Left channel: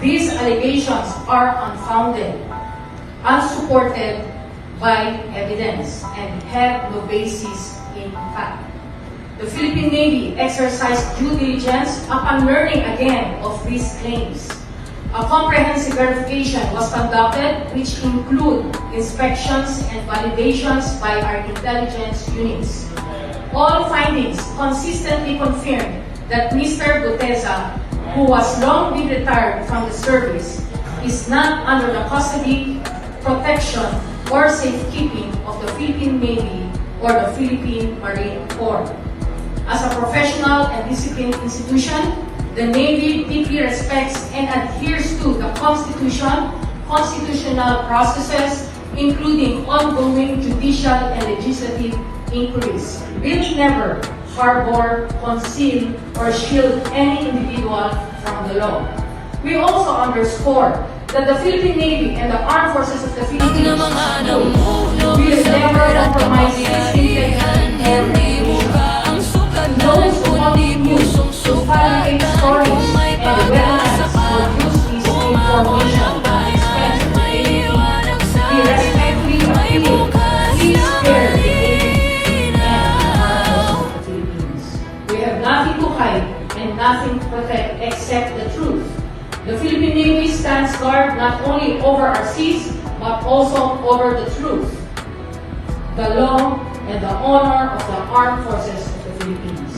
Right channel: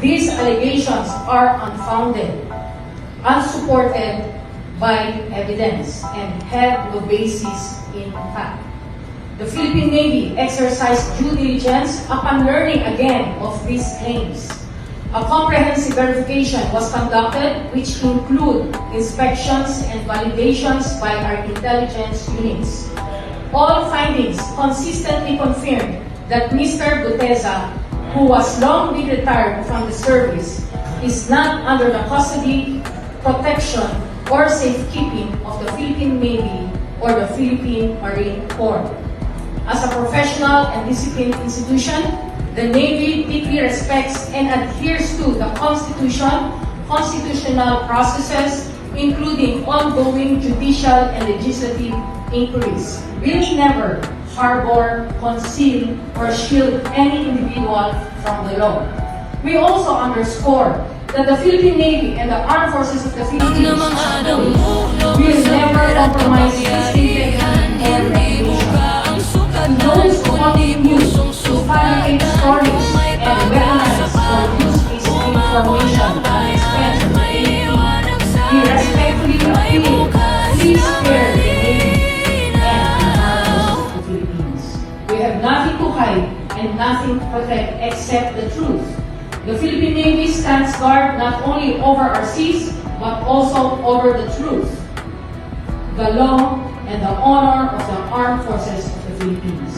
These allegations are unfounded, unsupported by evidence, and have no basis in fact. The Philippine Navy exercised due diligence upon learning again of these claims. A comprehensive verification was conducted, which include inspections and validations by our intelligence units. All findings consistently confirmed that Mr. Guteza, who was long been retired from the service, is not under the custody, protection, or safekeeping of the Philippine Navy or the Philippine Marine Corps. As a professional and disciplined institution, the Navy deeply respects and adheres to the Constitution, constitutional processes, including ongoing judicial and legislative inquiries. Will never harbor, conceal, or shield any individual from the law. We also underscore that the Philippine Navy and the Armed Forces of the Philippines will never compromise discipline and those who help pusong fabricate stories and weaponize or use this information we respectfully appeal, please spare the Philippines. We have nothing to hide and nothing to protect except the truth. The Philippine Navy stands guard not only over our seas, but also over the truth, the law, and the honor of the Armed Forces of the Philippines.